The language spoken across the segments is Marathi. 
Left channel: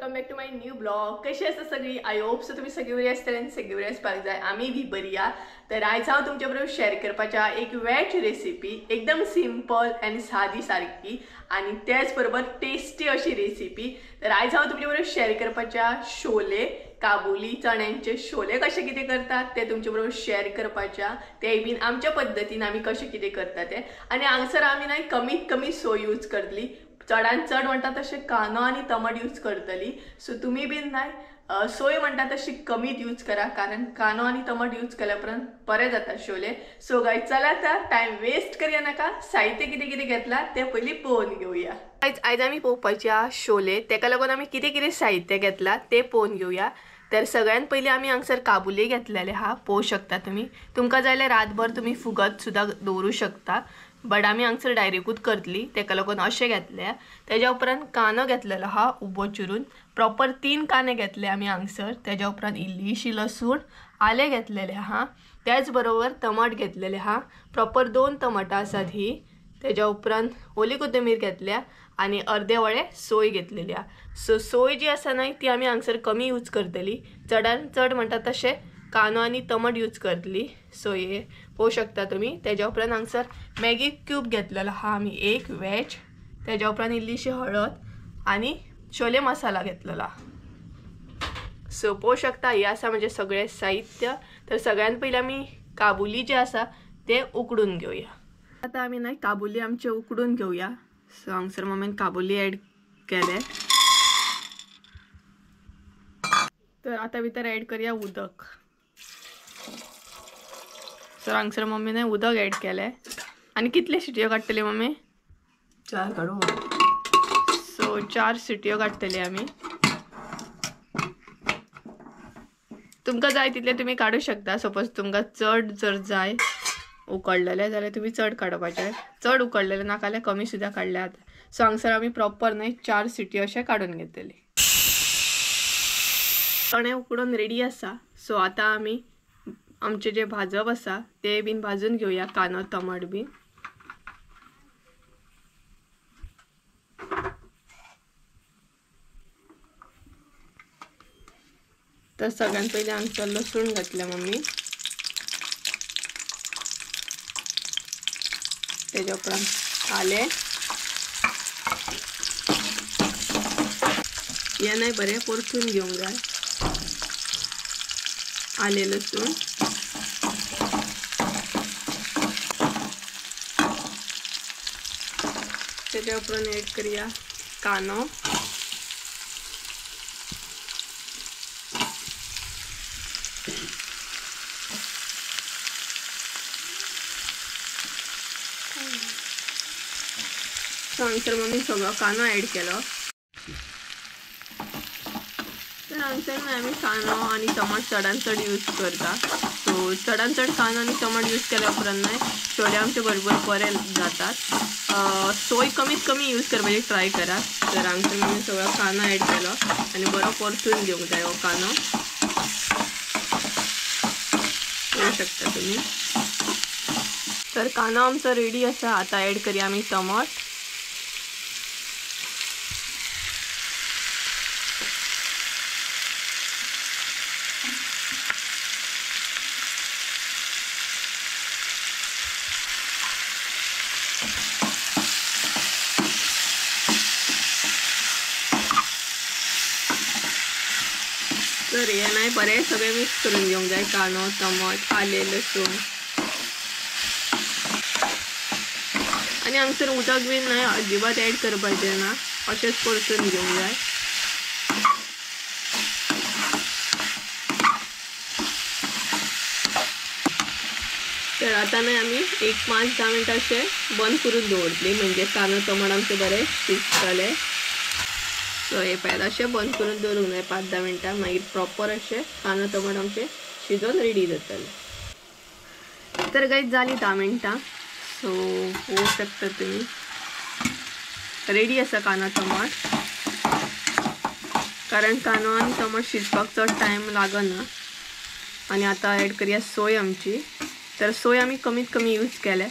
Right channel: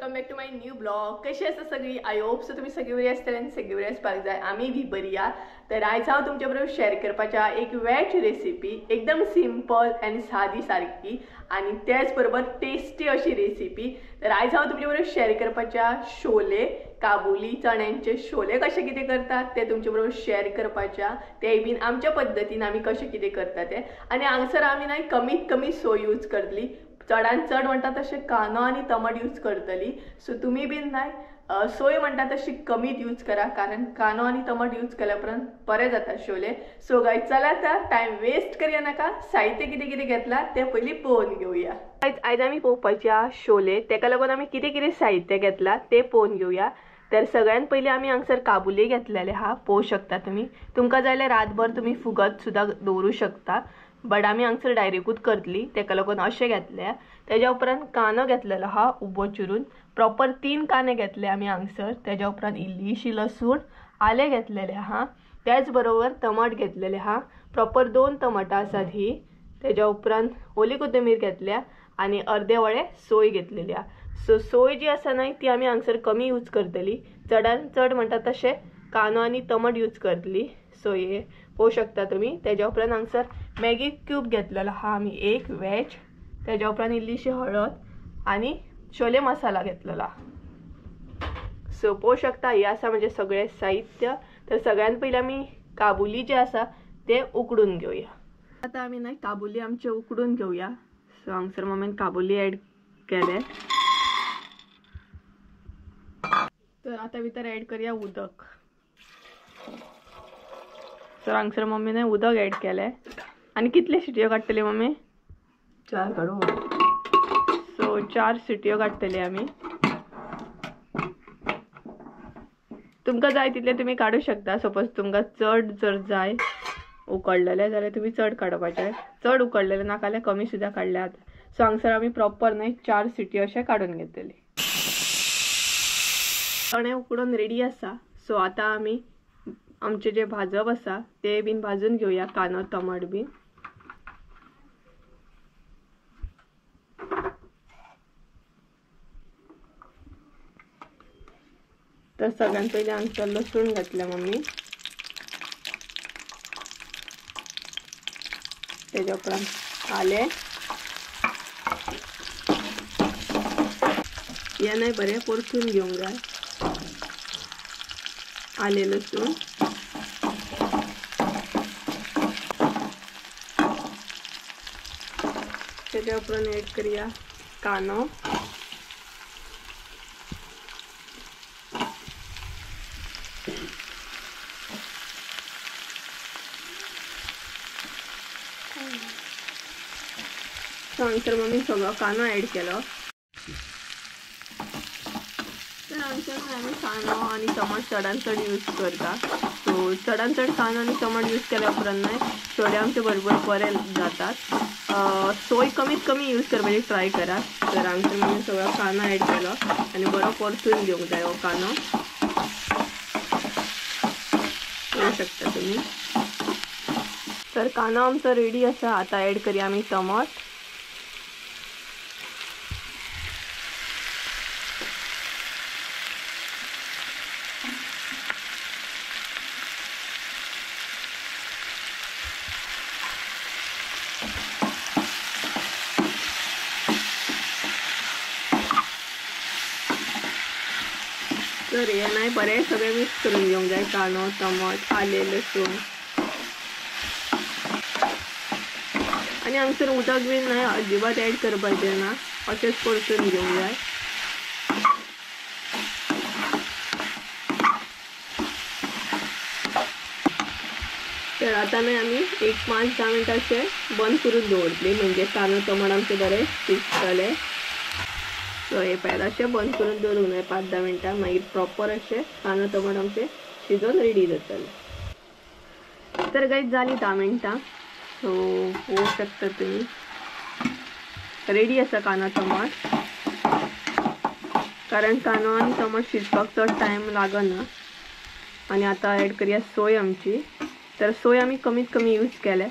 Welcome back to my new blog. कशी आसा सगळी? आय होप सो तुम्ही सगळी बरी आसतली आनी सगळी बरी आसपाक जाय. आमी बी बरी या. तर आयज हांव तुमच्या बरोबर शेअर करपाच्या एक वेज रेसिपी, एकदम सिंपल आनी सादी सारकी आणि त्याच बरोबर टेस्टी अशी रेसिपी. तर आयज हांव तुमच्या बरोबर शेअर करपाच्या छोले, काबुली चण्यांचे छोले कशे कितें करतात ते तुमच्या बरोबर शेअर करपाच्या. ते बीन आमच्या पद्धतीन आमी कशे कितें करता ते. आणि हांगसर आमी नाही कमीत कमी सोय यूज करतली. चडान चड म्हणटा तशें कांदो आनी टमाट यूज करतली. सो तुम्ही बीन नाही सोय म्हणटा तशी कमीत यूज करा, कारण कांदो आनी टमाट यूज केल्या उपरांत बरे जाता छोले. सो गायज चला तर टाइम वेस्ट करूया नाका. साहित्य कितें कितें घेतला ते पयलीं पळोवन घेवया. आयज आमी पळोवपाचे छोले, तेका लागून आमी कितें कितें साहित्य घेतला ते पळोवन घेवया. तर सगळ्यात पयलीं आमी हांगसर काबुली घेतलेले हा, पळोवं शकता तुम्ही. तुमकां जाय जाल्यार रातभर तुम्ही फुगत सुद्दां दवरूं शकता, बट आमी हांगसर डायरेक्टूच करतली, तेका लागून अशें घेतले. तेज्या उपरांत कांदो घेतलेलो हा उबो चिरून, प्रॉपर 3 कांदे घेतले आमी हांगसर. तेज्या उपरांत इल्लीशी लसूण, आले घेतलेले हा. त्याच बरोबर टमाट घेतलेले हा, प्रॉपर 2 टमाटां आसात ही. तेज्या उपरांत ओली कोथिंबीर घेतल्या आणि अर्दे वळे सोय घेतलेली हा. सो सोय जी आसा न्हय ती आमी हांगसर कमी यूज करतली. चडान चड म्हणटा तशें कांदो आनी टमाट यूज करतली. सो हे पळोवं शकता तुम्ही. तेज्या उपरांत हांगसर मॅगी क्यूब घेतलेलो हा आमी एक वेज. तेज्या उपरांत इल्लीशी हळद आणि छोले मसाला घेतलेला. सो पळोवं शकता हे आसा म्हणजे सगळे साहित्य. तर सगळ्यात पयलीं आमी काबुली जे आसा ते उकडून घेवया. आता आमी न्हय काबुली आमचे उकडून घेवया. सो हांगसर मम्मीन काबुली ॲड केले. तर आता भितर ॲड करूया उदक. सो हांगसर मम्मीने उदक ॲड केले. आणि कितले शिटयो काडटली मम्मी? 4 काढू. सो 4 शिटयो काडटली आमी. तुमकां जाय तितले तुम्ही काडू शकता. सपोज तुमकां चड जर जाय उकडलेले जाल्यार तुम्ही चड काडपाचे, चड उकडलेले नाका जाल्यार कमी सुद्दां काडले जाता. सो हांगसर आमी प्रॉपर न्हय 4 शिटयो अशें काडून घेतली. चणे उकडून रेडी आसा. सो आता आमी आमचे जे भाजप आसा ते बीन भाजून घेवया, कांदो टमाट बीन. तर सगळ्यात पहिले हांगसर लसूण घातल्या मम्मी. तेज्या उपरांत आले हे नाही बरे परतून घेवंक जाय. आले लसूण तेज्या उपरांत ॲड करूया कांदो. हांगसर मम्मी सगळो कांदो ॲड केलो. तर हांगसर आमी कांदो आनी टमाट चडान चड यूज करता. सो चडान चड कांदो आनी टमाट यूज केल्या उपरांत न्हय छोले आमचे बरोबर बरे जातात. सोय कमीत कमी यूज करपाची ट्राय करा. तर हांगसर मम्मी सगळो कांदो ॲड केलो आनी बरो परतून घेवंक जाय हो कांदो. पळोवं शकता तुम्ही. तर कांदो आमचो रेडी आसा. आता ॲड करूया आमी टमाट. तर हे नाही बरे सगळे मिक्स करून घेवंक जाय. कांदो टमाट आले लसूण आणि हांगसर उदक बीन नाही अजिबात ॲड करपाचें ना, अशेंच परतून घेवंक जाय. तर आता नाही आमी एक 5-10 मिनटां अशें बंद करून दवरतली, म्हणजे कांदो टमाट आमचे बरे शिजतले. सो हे पळय अशें बंद करून दवरूंक जाय 5-10 मिनटां. मागीर प्रॉपर अशें कांदो टमाट आमचे शिजोवन रेडी जातले. तर गायज जाली 10 मिनटां. सो पळोवं शकता तुम्ही रेडी आसा कांदो टमाट. कारण कांदो आनी टमाट शिजपाक चड टायम लागना. आणि आता ॲड करूया सोय आमची. तर सोय आमी कमीत कमी यूज केले.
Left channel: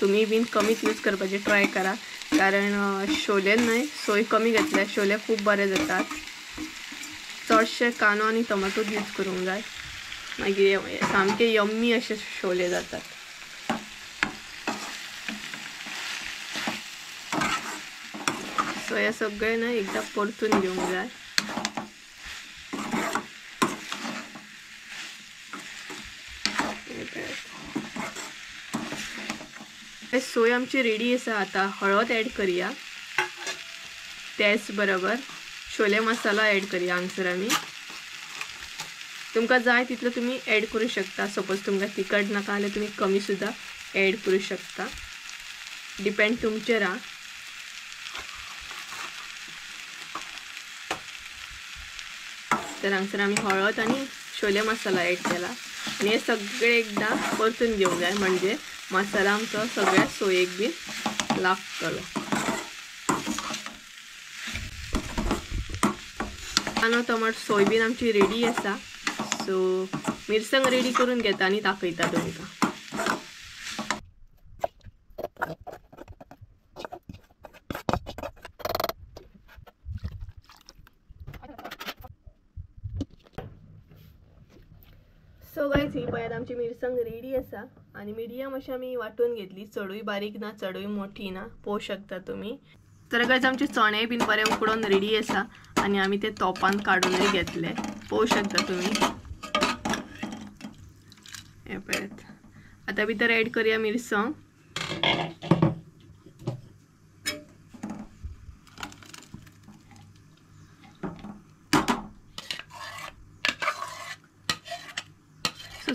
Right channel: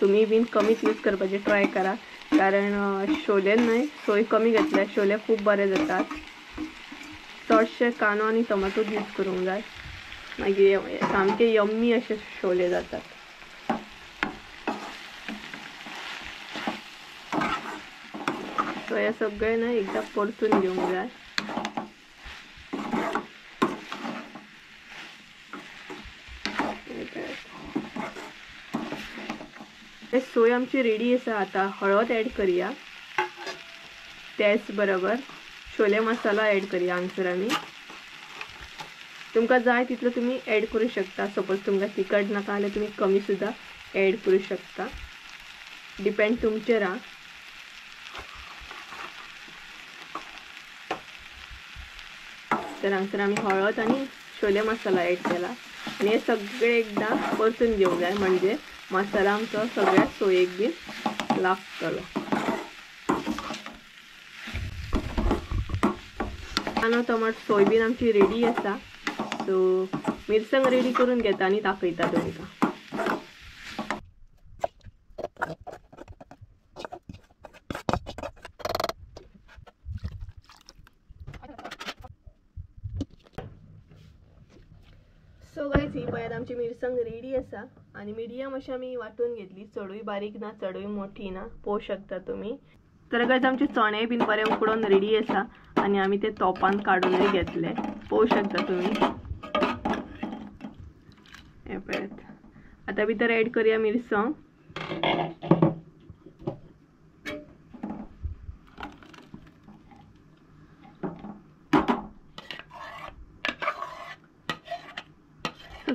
तुम्ही बीन कमीच यूज करपाची ट्राय करा, कारण छोले न्हय सोय कमी घेतल्या छोले खूप बरे जातात. चडशे कांदो आनी टमाटो यूज करूंक जाय मागीर सामके यम्मी अशे शोले जातात. सो हे सगळे ना एकदा परतून घेवंक जाय. सोय आमची रेडी आसा. आता हळद ॲड करूया. त्याच बरोबर छोले मसाला ॲड करूया. हांगसर आमी तुमकां जाय तितलो तुम्ही ॲड करू शकता. सपोज तुमकां तिखट नाका जाल्यार तुम्ही कमी सुद्धा ॲड करू शकता. डिपेंड तुमचेर हा. तर हांगसर आमी हळद आनी छोले मसाला ॲड केला आणि हे सगळे एकदा परतून घेवंक जाय म्हणजे मसाला आमचो सगळ्या सोयेक बी लागतलो. कांदो टमाटो सोयबीन आमची रेडी आसा. सो मिरसांग रेडी करून घेता आनी दाखयता तुमकां. सो गायज ही पळयात आमची मिरसांग रेडी आसा आणि मिडियम अशी आमी वाटून घेतली. चडूय बारीक ना चडूय मोठी ना पळोवं शकता तुम्ही. तर गायज आमचे चणे बीन बरे उकडून रेडी आसा आणि आमी ते तोपान काडूनय घेतले पळोवं शकता तुम्ही. हे पळयात. आता भितर ॲड करूया मिरसांग.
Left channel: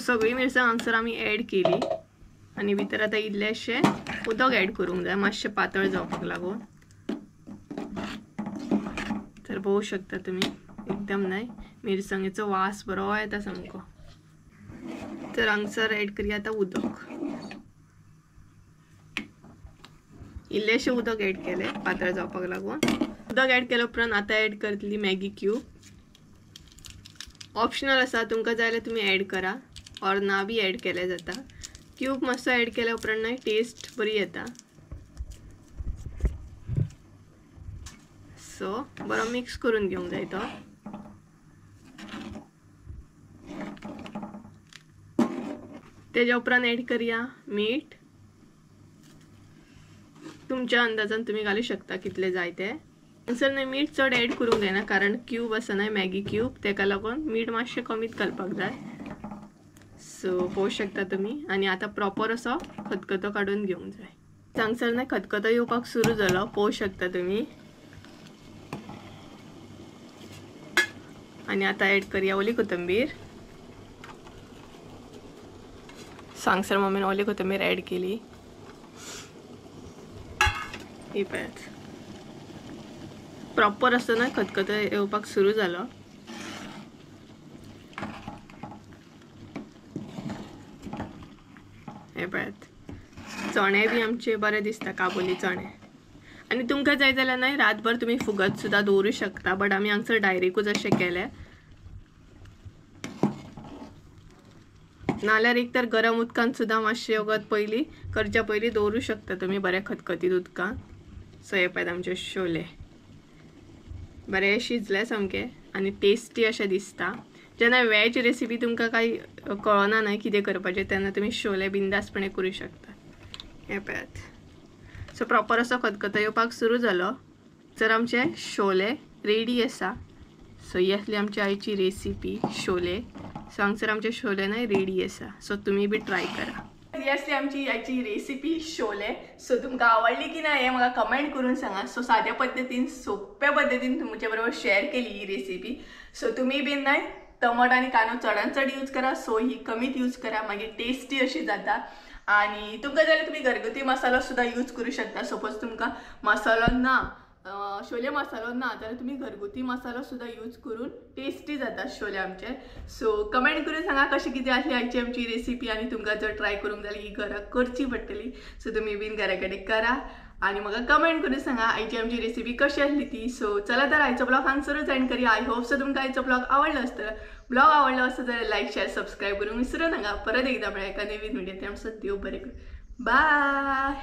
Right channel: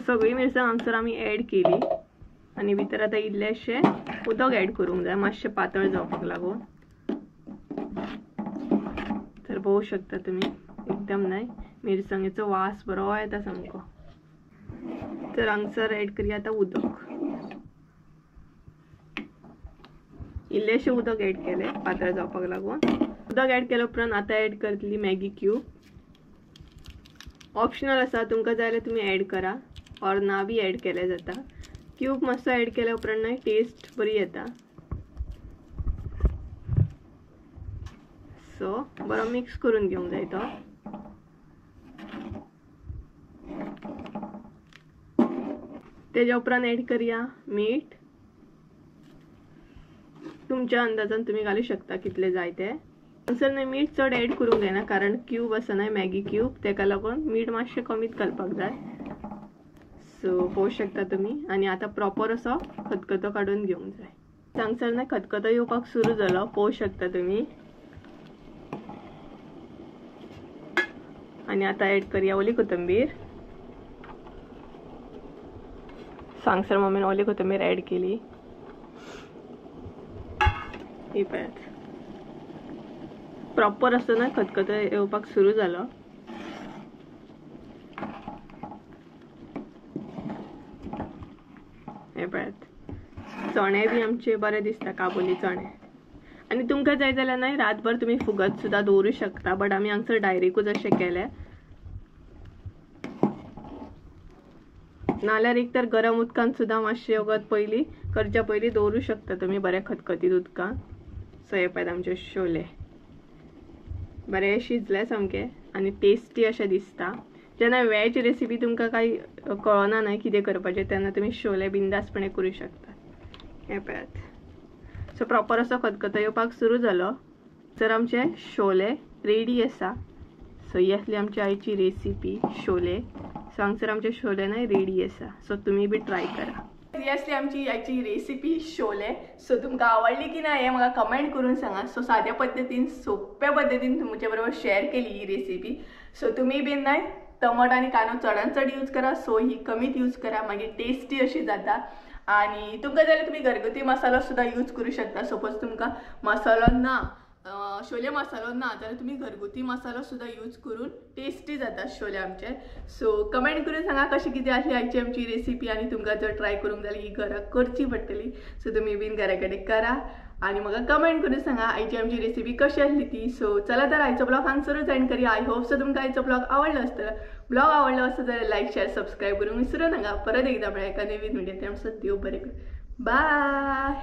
सगळी मिरसांग हांगसर आमी ॲड केली आणि भितर आता इल्लेशे उदक ॲड करूंक जाय मातशें पातळ जावपाक लागून. तर पळोवं शकता तुम्ही एकदम नाही मिरसांगेचो वास बरो येता सामको. तर हांगसर ॲड करूया आता उदक. इल्लेशें उदक ॲड केले पातळ जावपाक लागून. उदक ॲड केले उपरांत आता ॲड करतली मॅगी क्यूब. ऑप्शनल आसा तुमकां जाय जाल्यार तुमी ॲड करा और ना बी ॲड केले जाता. क्यूब मातसो ॲड केल्या उपरांत ना टेस्ट बरी येता. सो बरो मिक्स करून घेवंक जाय तो. तेज्या उपरांत ॲड करूया मीठ. तुमच्या अंदाजान तुम्ही घालू शकता कितले जाय ते. हांगसर न्हय मीठ चड ॲड करूंक जायना कारण क्यूब आसा न्हय मॅगी क्यूब तेका लागून मीठ मातशें कमीच घालपाक जाय. सो पळोवं शकता तुम्ही. आणि आता प्रॉपर असो खतखतो काढून घेवंक जाय. हांगसर न्हय खतखतो येवपाक सुरू जालो पळोवं शकता तुम्ही. आणि आता ॲड करूया ओली कोथिंबीर. हांगसर मम्मीन ओली कोथिंबीर ॲड केली. ही पळयात प्रॉपर असो ना खतखतो येवपाक सुरू जालो. हे पळयात चणे बी आमचे बरे दिसता काबुली चणे. आणि तुमकां जाय जाल्यार न्हय रातभर तुम्ही फुगत सुद्धा दवरूं शकता बट आमी हांगसर डायरेक्टूच अशें केले. नाल्यार एक तर गरम उदकान सुद्धा मातशें वगत पयलीं करच्या पयलीं दवरूं शकता तुम्ही बरे खतखतीत उदकान. सो हे पळयात आमचे शोले बरे शिजले सामके आणि टेस्टी अशे दिसता. जेन्ना वेज रेसिपी तुमकां काही कळना न्हय कितें करपाचें तेन्ना तुमी शोले बिंदासपणे करूं शकता. हे पळयात सो प्रॉपर असो खतखतो येवपाक सुरू जालो. तर आमचे शोले रेडी आसा. सो ही आसली आमची आयची रेसिपी शोले. सो हांगसर आमचे शोले न्हय रेडी आसा. सो तुमी बी ट्राय करा. ही आसली आमची आयची रेसिपी शोले. सो तुमकां आवडली की ना हे म्हाका कमेंट करून सांगा. सो साद्या पद्दतीन सोप्या पद्दतीन तुमचे बरोबर शेअर केली ही रेसिपी. सो तुमी बी न्हय टमाटो आनी कांदो चडान चड यूज करा. सो ही कमीत यूज करा मागीर टेस्टी अशी जाता. आणि तुमकां जाल्यार तुमी घरगुती मसालो सुद्धा यूज करू शकता. सपोज तुमकां मसालो ना शोले मसालो ना जाल्यार तुमी घरगुती मसालो सुद्धा यूज करून टेस्टी जाता शोले आमचे. सो कमेंट करून सांगा कशी कितें आसली आयची आमची रेसिपी. आणि तुमकां जर ट्राय करूंक जाली ही घरा करची पडटली. सो तुमी बीन घरा कडेन करा आणि म्हाका कमेंट करून सांगा आयची आमची रेसिपी कशी आसली ती. सो चला तर आयचो ब्लॉग हांगसरूच एंड करूया. आय होप सो तुमकां आयचो ब्लॉग आवडलो आसतलो. ब्लॉग आवडलो आसता जाल्यार लायक शेअर सबस्क्राईब करूंक विसरू नाका. परत एकदा मेळया एका नवीन व्हिडिओ. त्यामुळे देव बरें करूं. बाय.